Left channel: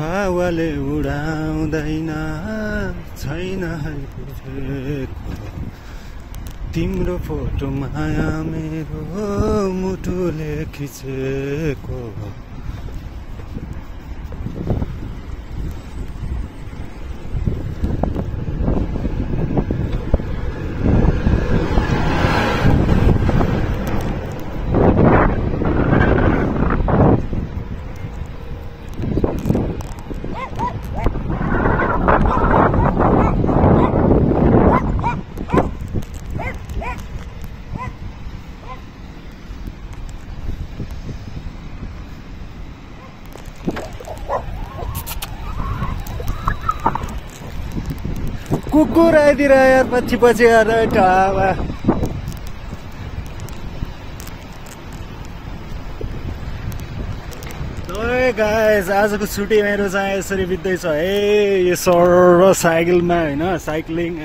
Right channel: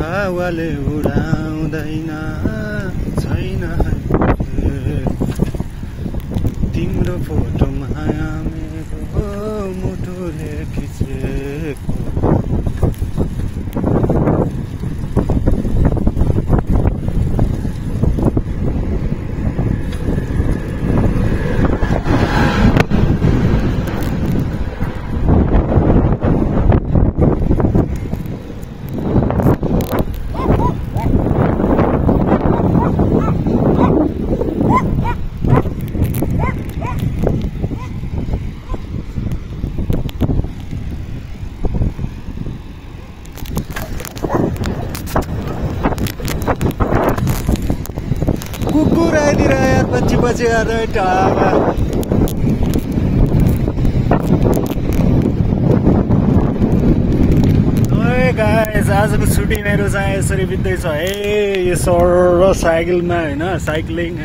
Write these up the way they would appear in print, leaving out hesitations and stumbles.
हावाले उडाउँदैन छैन तिम्रो फोटोमा मेरो मुटुले खिचेको कुकुर आइदिएर यार पछि पछि आएर टाढा ए गाइस आजको छुट्टी मेरो चाहिँ यसरी बित्दैछ है यो सर साइकलमा होइन साइक्लिङ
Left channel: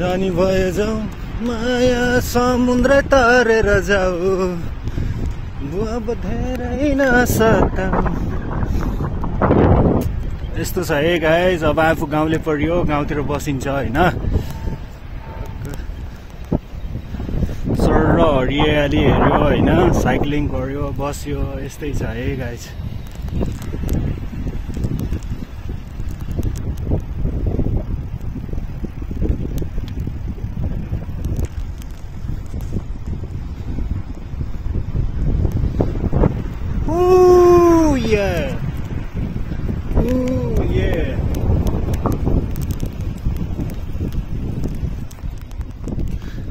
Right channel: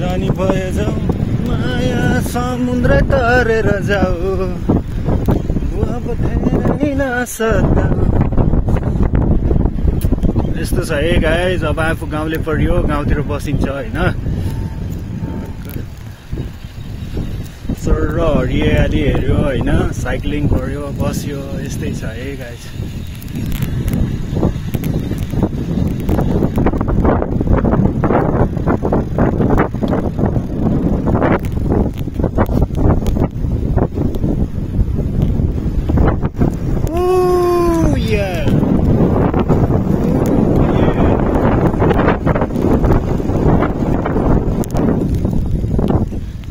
जानी भए जाऊ नयाँ समुद्र तरेर जाऊ अब धेरै नसोध्दा यस्तो छ है गाइस अब आफू गाउँले पऱ्यो गाउँतिर बसिन्छ होइन सर र हरियाली हेऱ्यो होइन साइक्लिङ गर्यो बस्यो यस्तै छ है गाइस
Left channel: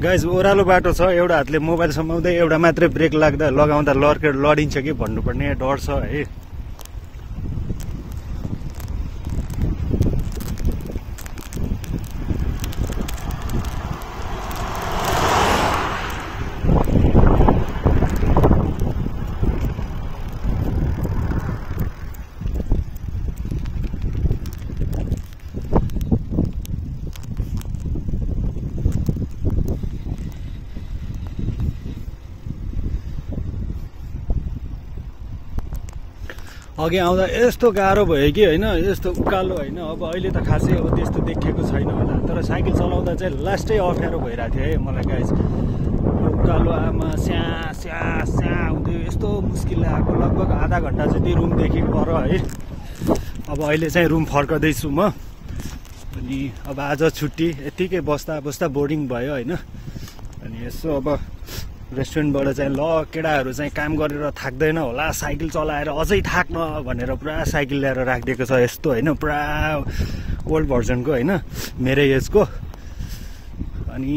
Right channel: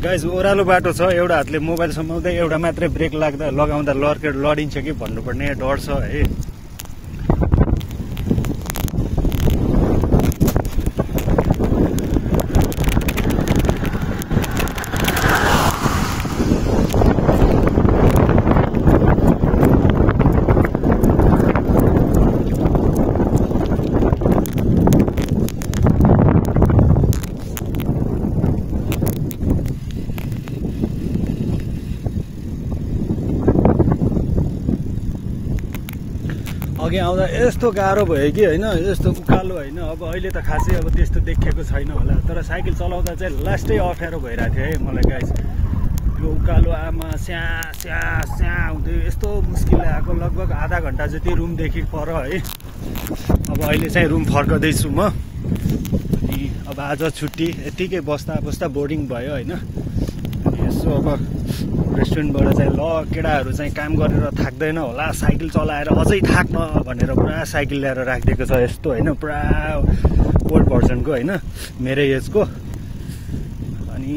गाइस ओह्रालो बाटो छ एउटा हातले मोबाइल समाउँदै एउटा मात्रै ब्रेक लगाउँदा लडिन्छ कि भन्नुपर्ने डर छ है अघि आउँदा यस्तो गाह्रो भयो कि होइन यस्तो उकालो होइन अब अहिले त खासै अब त्यस्तो देखिएको छैन होला तर साइकल चलाउँदा चाहिँ लास्टै अप्ठ्यारो भइरहेको थियो है मलाई गाइस यो उकालो आमा स्या स्या स्या हुन्थ्यो यस्तो मुस्किलले आएको लगभग आधा घन्टा जति रुमदेखि पर है अब अहिले चाहिँ रुम फर्कदैछु म अनि अब आज छुट्टी यतिकै बस्दा बस्दा बोरिङ भयो होइन यसो अब रेस्टुरेन्टबाट चाहिँ ल केटाहरू चाहिँ काम गरेर थाक्दैन होला साइकल चलाएर अझै थाक्न भनेर पुरा साइकल ल्याएर राखिदिएको छ यस्तो होइन पुरा ओल्ड भर्जनको होइन मेरो एजको अनि